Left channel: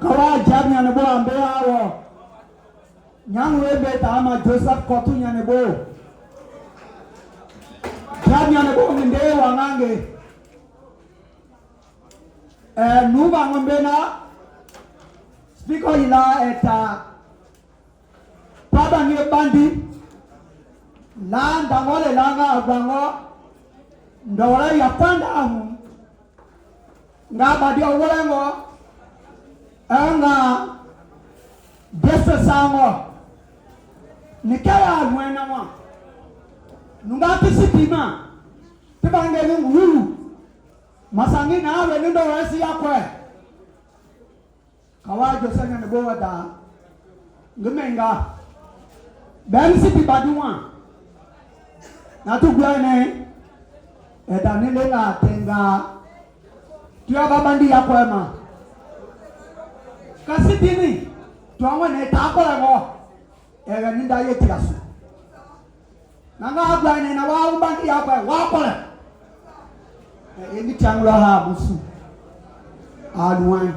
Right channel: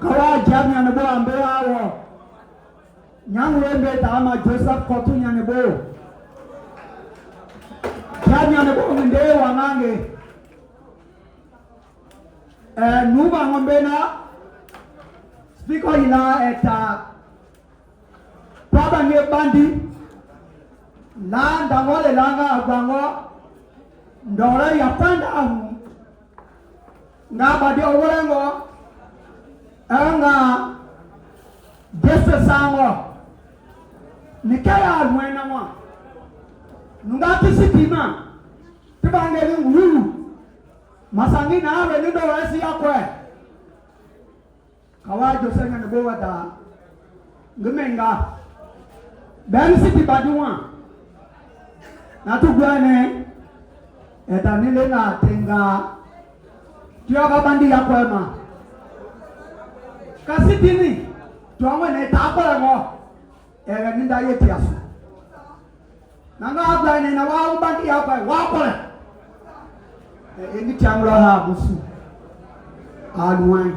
Kawa jamnya nebo ambeawo. Nyang webe tama Joseph Kotunya nebo. Jamnya nebo mende wangange. Nuba ngombena. Spiko ila eta. Baba nge bandi. La dangole langa agwango. Ndawala yapanda amu. Nga badi owolengo. Nga desa sango. Nikaya alwena mwa. Nga tisipima. Tibange ngu. Masangi na awe nindo wesi ya kwe. Kawajo senya nebo wada. Ngumenga. Bensi tibaduwa. Natu gwane. Eta nile na tenga. Tuya babandi ya kwe ma. Kasi tini. Tuamwe ne takole mo. Ewe ninda yeti yasu. Nanga gwane na wa ubandi ya kwe. Wakole. Engi chamura ha busu. Aluwan.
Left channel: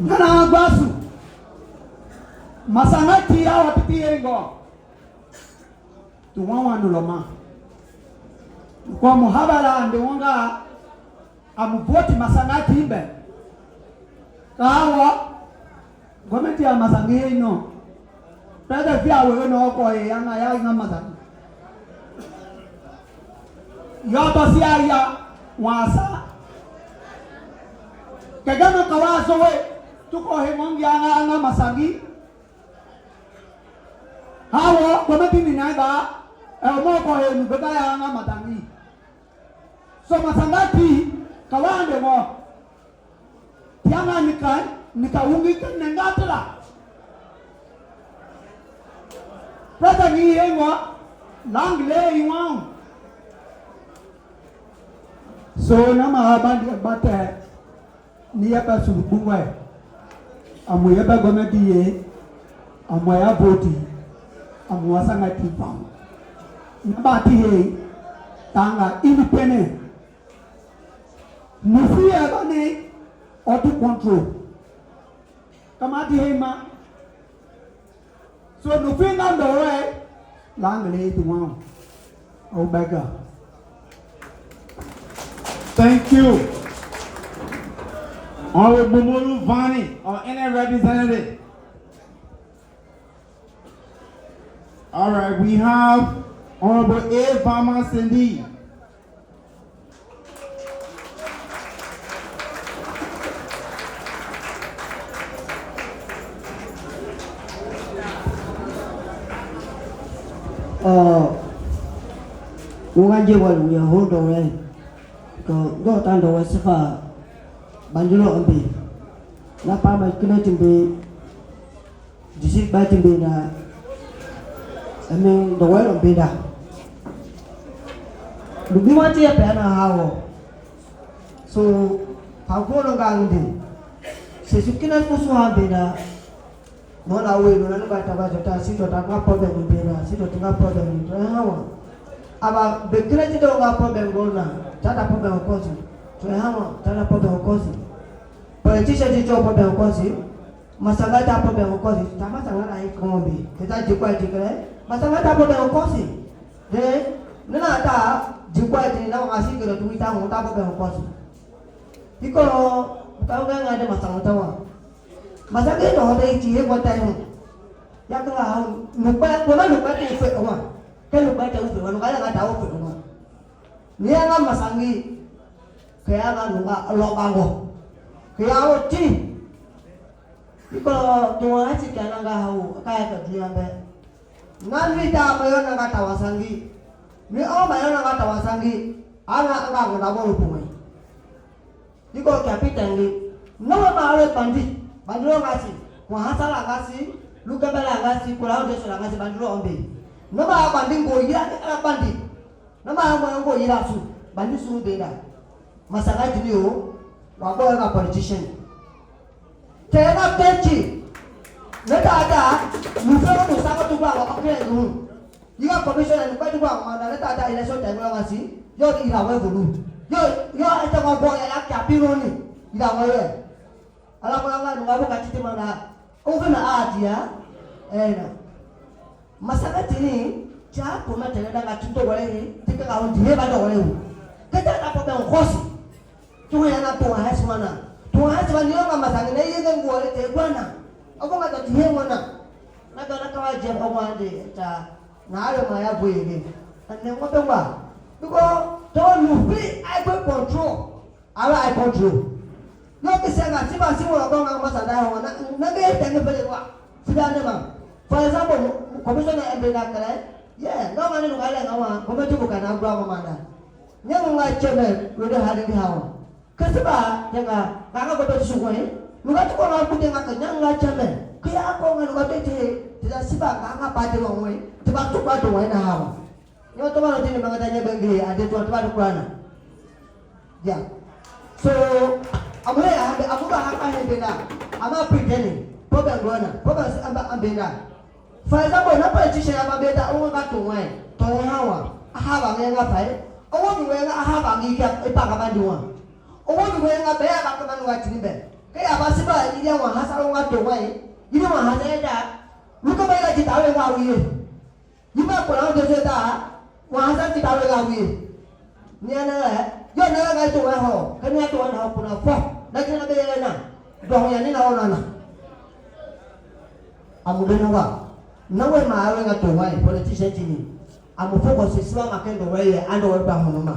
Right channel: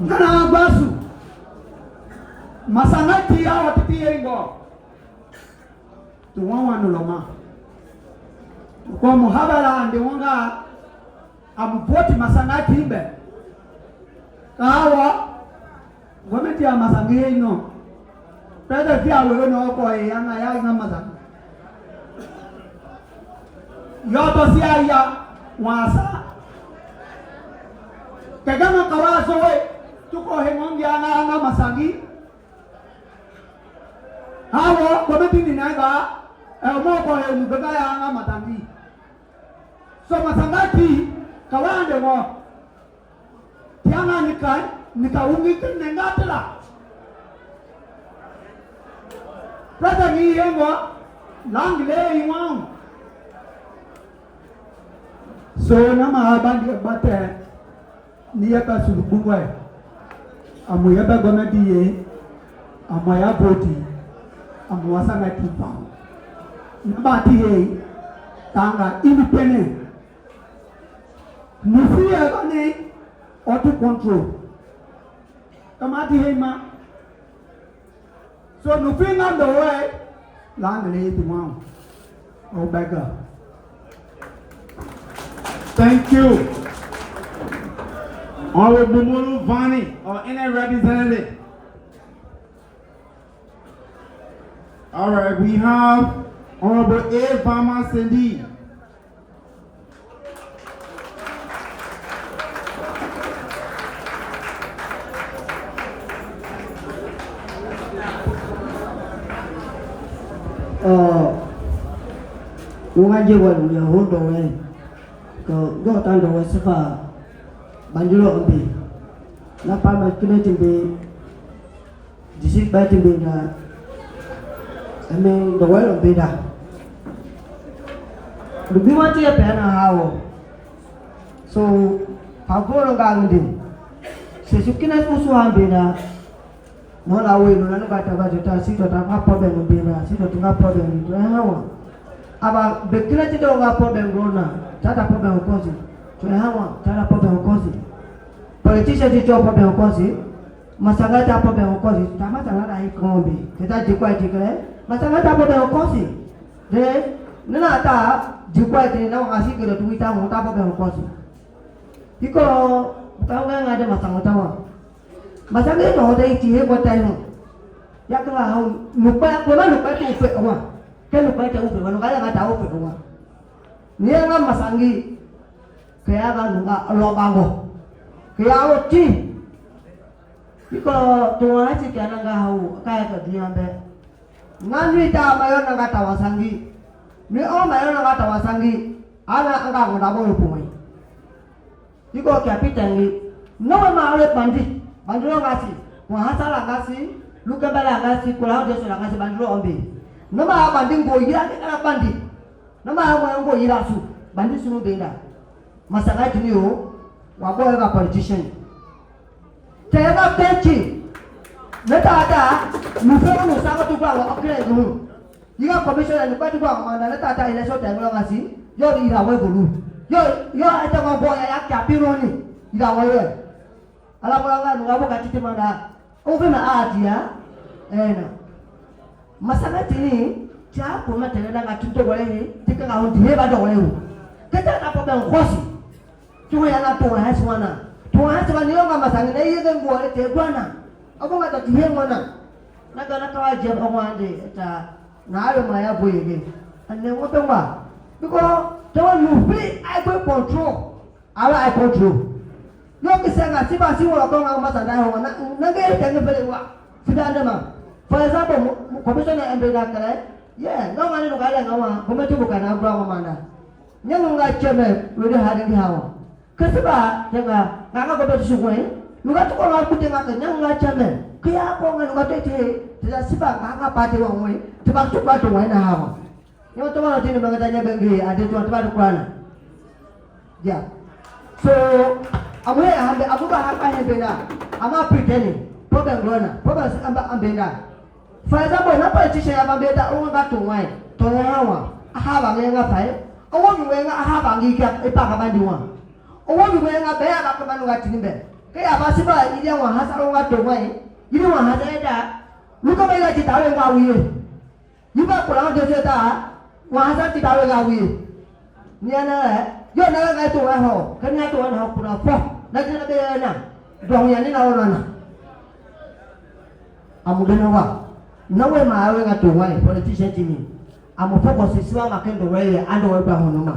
Ngana agbasu. Masangati ya watiti yengo. Tuwa wanuloma. Kwa muhabala ande wanga amupoti masangati ibe. Kawa gomiti ya masangi ino. Tada pia wewe no kwa yana ya na masangi. Yoto siya ya wasa. Kagama kawaso we tuko hemongi ana masangi. Hawo gomiti ni naga umoko he mbeba ya ana matangi. So masangati kawande mo. Tianga nikaungi nengatela. Prata ni yengo langle iwang. So nama abandi bate niyaba sulubwe. Amuyaba gomediye amaya boti amuwasanga tipa. Nabati he tanga independent. Nufi agane auto control. Kamati he ma. So nufi na doe langle tiwang. Obega. Thank you. Honorable Bumulu Vani, our NN representative. All right, we have Honorable A. Vama Cindy. Ngajiwan ya hodore. Go tando wasifa banjulo ambi. Napa makine timbe disit ba timbe na ame dawal ambi da. Lubi wanti ya pena hawo. So pagoro ngandi. Sesukina fusu ambi na no la we no na bata ba jota sito ta ka problem ambi na sito tunga problem to hawo. Aba bekira tido nga problem gona. Tata problem kozi. Tunahawa tata problem kozi. Politician tido problem kozi. Masangata problem kozi. Tamata ngana ikombi. Kita jikwa tikale. Masangata problem kozi. De nana ta jikwa ti na ngasi kero tuita mo ta problem kozi. Iko tawga ngade masangata wa. Masangata to hode itie ko tayo. Yakla hawo nupa ko na nupa ti fe wa. Kelu baca usul, kalau kaya nggak tahu berumah. Dia nggak masangi, kayak kan nggak lobango, kayak uci. Kalau tua aja kan nggak tahu, kayak dia be. Nanti tak bayar nggak tahu sangi, ni bayar nggak tahu sangi, anak nggak tahu berumah. Jika kapitan ni, nama malu banjir ngasih, wahasa ngasih, luka bala ngasih, kurang dia sudah ngasih banjir ambil. Nama banding boy ya ada banding. Nama orang boy ya su banding suruh beda. Masalah ini yo, wako ada politician. Saya kecil, mereka ada musuh tu bawa okey dulu. Jika komisioner lepas tu bawa mana mereka ada election tengah ngasih, yo irawai dulu. Yo ada orang boy yang kapi ni, irawai. ala mulanga ngabo katite mana ovena adia ena masanga tini cha ko matela na katuto wale tika nga hondi heba do wale kata na po ben khosi to ya na to ha swana to ha swana ni nga masanga na yenge ngole te kwana ako ngata tihe ngona na kana ka je ngwande ta na alo maya boyege ane ngope ngwa because to no free I go control ala I control no kisanga siba siwa ko nga masanga ho na nge tenge pele wa sidane ma for example commissioner embega kale yeah no mani no kale ngawa kometi bukana ngwa komanda nyango nga cheme wede hadi hawa kesiba tenga ngaka ko suwe nuga to ko kutenga ke nyanga cheme kya ko nga nuga tete tida siba ngaka pate wonwe tiba to ba to wena hawa yo to bana tini magatanya bengi ade to ba to kwana yeah so amwe ambe abuba hapa hebena ama pretending problem rona problem ambega. For example, na politician ya mabeda onga katongwai toya hawa ahaba ngenga pai owo ngenga ahaba ngika epaka bandiwa owo ngenga be aba kabanu ngatinbe ke abasiba ile wa hasa onga tongwai ile wa hasa luka bela titawe ngawiye yiba kola ngeze ta wa hasa titawe ngawiye niana yo na ga to wa ho kanya to wa ho kuna fo na kana be na dong ya ni na ona amubena wa nawe maawe nga to wai politician tini amufoko sisiwa makendo wewe ando wepa honoma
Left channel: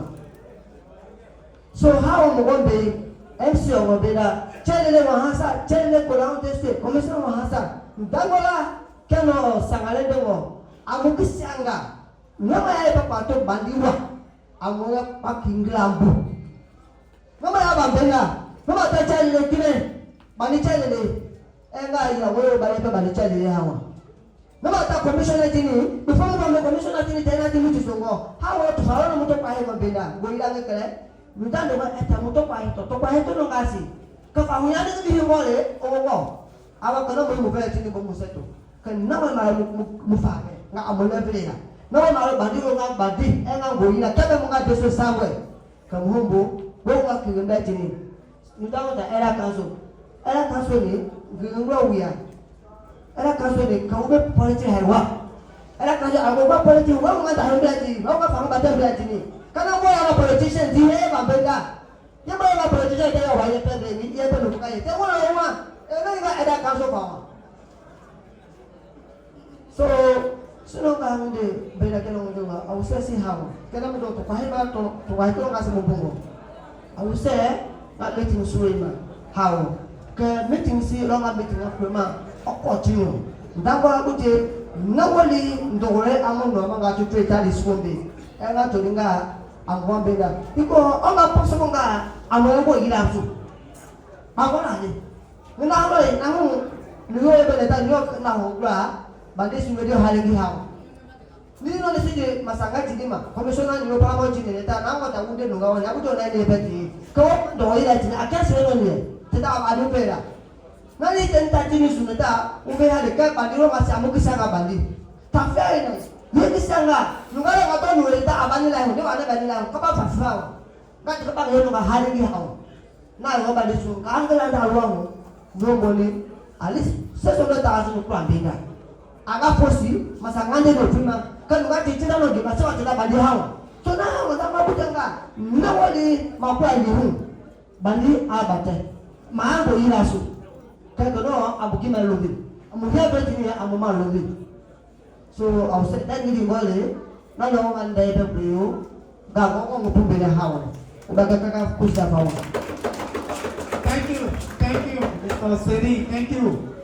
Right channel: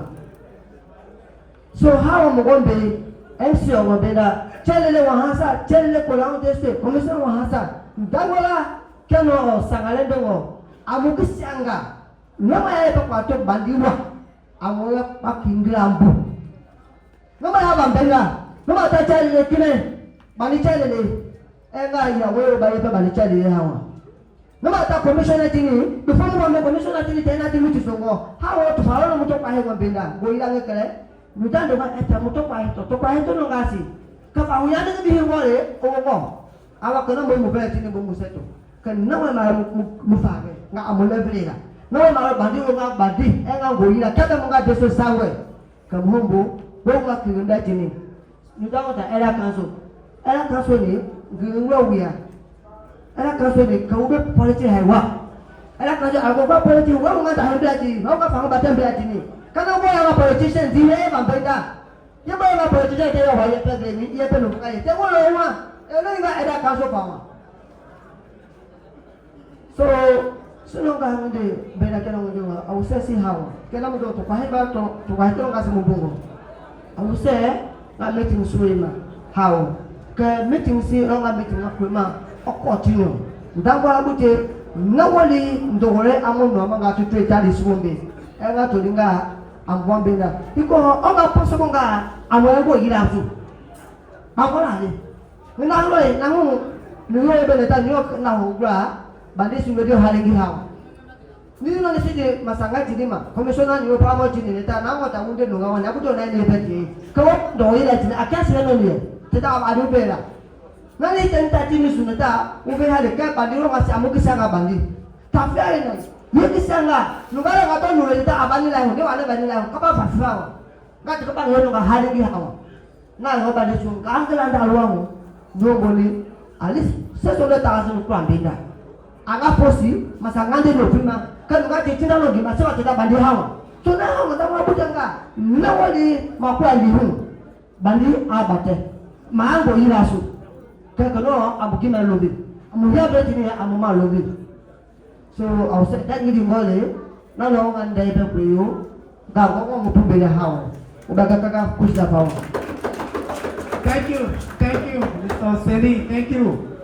so hawa mugombe MC omobeda chelele wa hasa chelele Kolahun District commission wa hasa ndangola keno sangalende wo amukisanga nawe ya kwa to bandiwa amoya pakinglambu nawe aba mbenga nawe ta chelele kine bani chelele enga ya wewe bani chelele hawa no matter commissioner tini before no commissioner tini tena tini tisongo hawo to faro muto kwa hewa benda goila ngekele mutando ba eta muto kwa heto no ngasi kapa huyane ngi hingole owo awa kana mo mobile tini bo museto kan nawe ma mufage nga amole brega nawe ma bandi nga bandi enga goila kata mo nga deso sawe kamhombo bo nga kinda tini mutando ta era kanso ni ngwa wiya era kaso ni kaube politi haiwa era kaso agoba politi wa ngata hambati wa ka fanga batambati ni kana boya wa politician dihe mambenda yeba wa politician de wa ya pede ni ya pede ka ye wo wa ene nga era kaso fama so sino ka hunde bela kana ngo wa au sesi hawa kana mo to pa heba to wa to ngase mubungo au se na meeting suima hawa ke meeting si ro nga meeting akuma okotino ndangwa abuje nawali ndore amono amanga tutwe tali swombe enga tolinga ambombenga iko onga posonga amwego irafu akola ni ngalo e namu niyo ebele ta niyo na hogwa bande sungedio halengi hawa nino nisije masangati lima komishona niyo pamo jini neta nango ta unde no ngawani abuto na ene beji ko do ila tina akasi no ni teta adu bela nali tenta tini suneta ube hale ka bandiro masi amukisanga bandi tafia ina yekisanga nungara gato nureta abani la ndio wale bani la kapa fafawa ngati kapa ngono ga hale bi hawa na ngo bandi sunga angela ndalwangu ndongoni alis seso le tazu kwa mbinga aga posi masangande no prima kan ngati tina no gima sewa tina bandi hawa tuna hawa ndangwa butanga nawali makwa lihu bandi abate maango irasu kekano abukina lobi amuhia betini amuma lobi so au se dan ngidi ngole na lo ngande be kuyo ga ngo mutumbele hawa udaga kaka kusa pawa. Thank you, Mr. Sedi, thank you.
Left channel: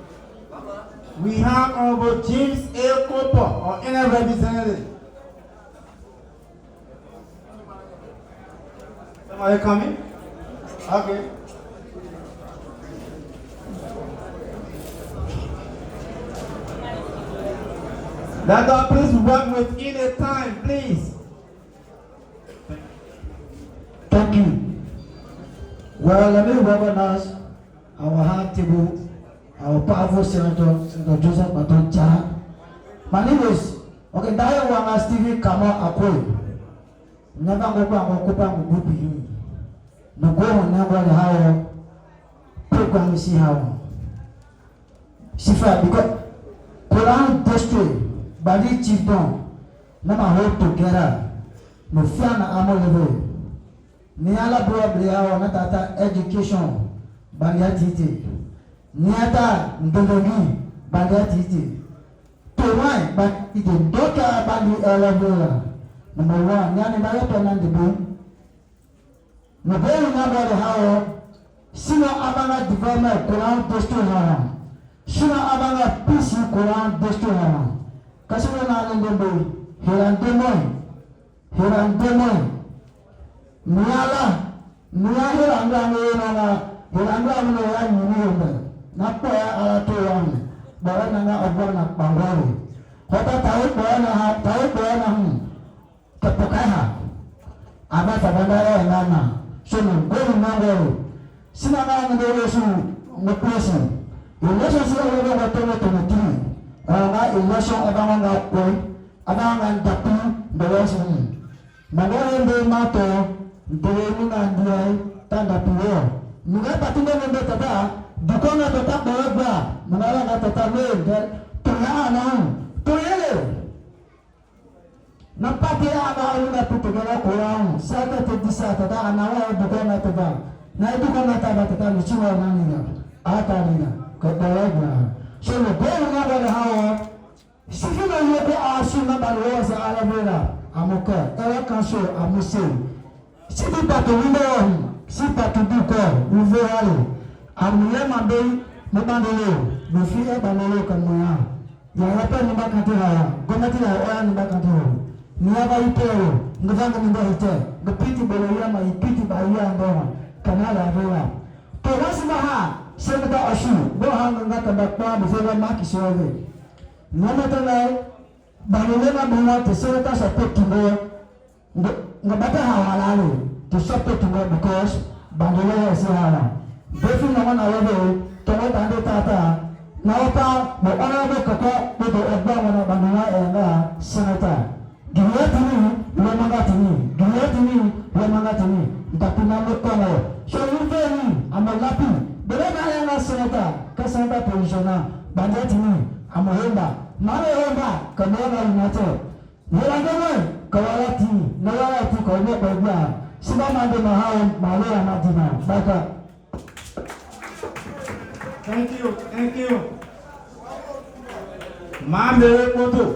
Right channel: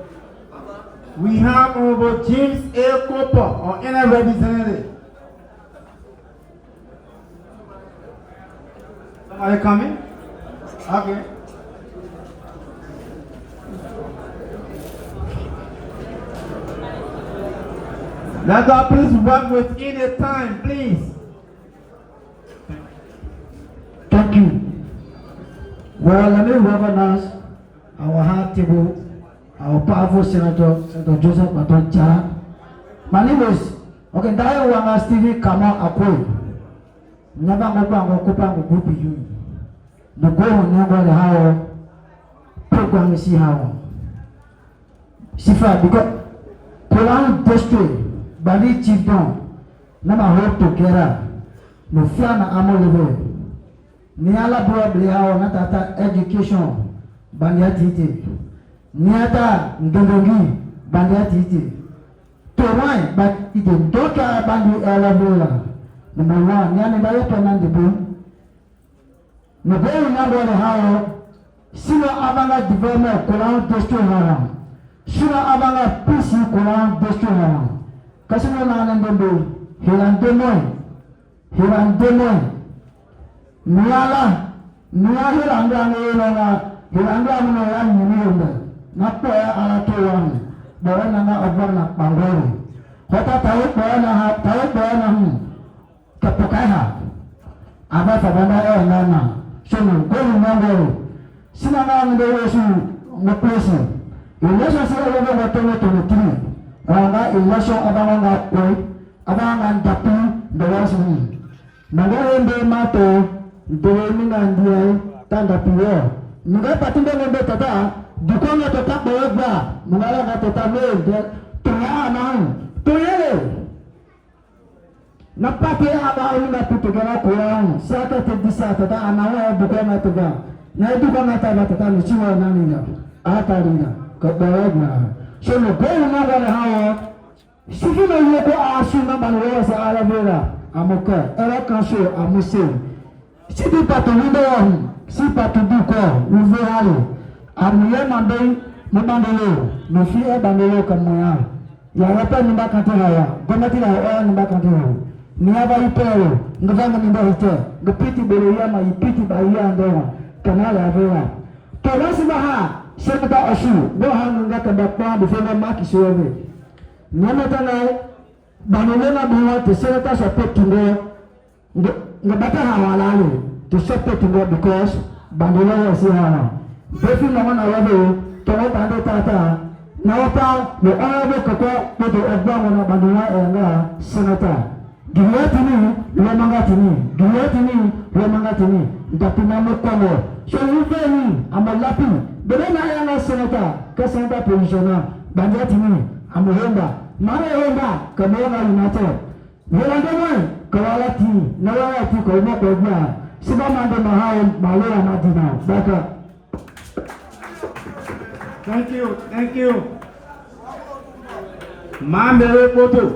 We have Honorable James A. Cooper or any representative. Somebody coming? Okay. Let God please work within a time, please. Thank you. Well, let me recognize our high table, our powerful Senator Joseph Maton Chara. My name is Dayo Wanga Stevie Kama Akwe. Never go and go up and go be you. The go on never the higher. kwang si hawo. Sifa because Kolahun District badi chibon nama hope together no fear na amo level. Ni ala bro blia na tata education bandia titi. Ni ata ndongi bandia titi. To why but it doka bandi level. Number 1 yani bayo penan de bu. No belo na bro hawo sino abanga development Kolahun District hawo. Sino abanga peace Kolahun District hawo. Kasino na nando hilang demoy niala hilang na yang munionda napo ya ala tuang bawa na obor na pangoro kota tahu bawa na kapakaiha aba tabanda nana sunu golu mangoro sina na ngoro su ngoplesi election si ogo gotono tiri ranga election abanga ngapo abanga tapi bawa sini magari mbe mato ndeni na ndiye tanda piyo mga patinda mbe tata dukonga tata bawa magara na tata mbe tuya na tuye napati aba una putugara Kolahun sata tedisa tata anawa dukonga tata na dukonga tata ni chiwa nani na atarina kabawa so no belo na gara hawa sifina yoko asuna balwa sa ala mera amuka era kanso amuse sibi pato windo si pato duko uvehalo amuye mandelo no fi e bandelo kamaya ya hapa ni bakati haya komati la oya ni bakati haya ni aba ipero ngavanga nimba hite ngapiti belo yama ipiti baya ndoma kanala avera to rasima ha sekata asu boha ngaka bakwa bifanga maki sowe Namatana banolena bawa to senata support to go ngabata hawalalo to support to go because bandola si hala befi no na wabo to bando tata nawata no arabe koko to agba na bandola enga senata giyatini lemangati ndapina motomo so uveni amalapi belena yana senata kasanda positiona banjatini amuhemba mara hemba kamera inato yelangomwe kawalati nawalati kwa kwa siba mande mahao mawela madina baka. Thank you. Mamere koto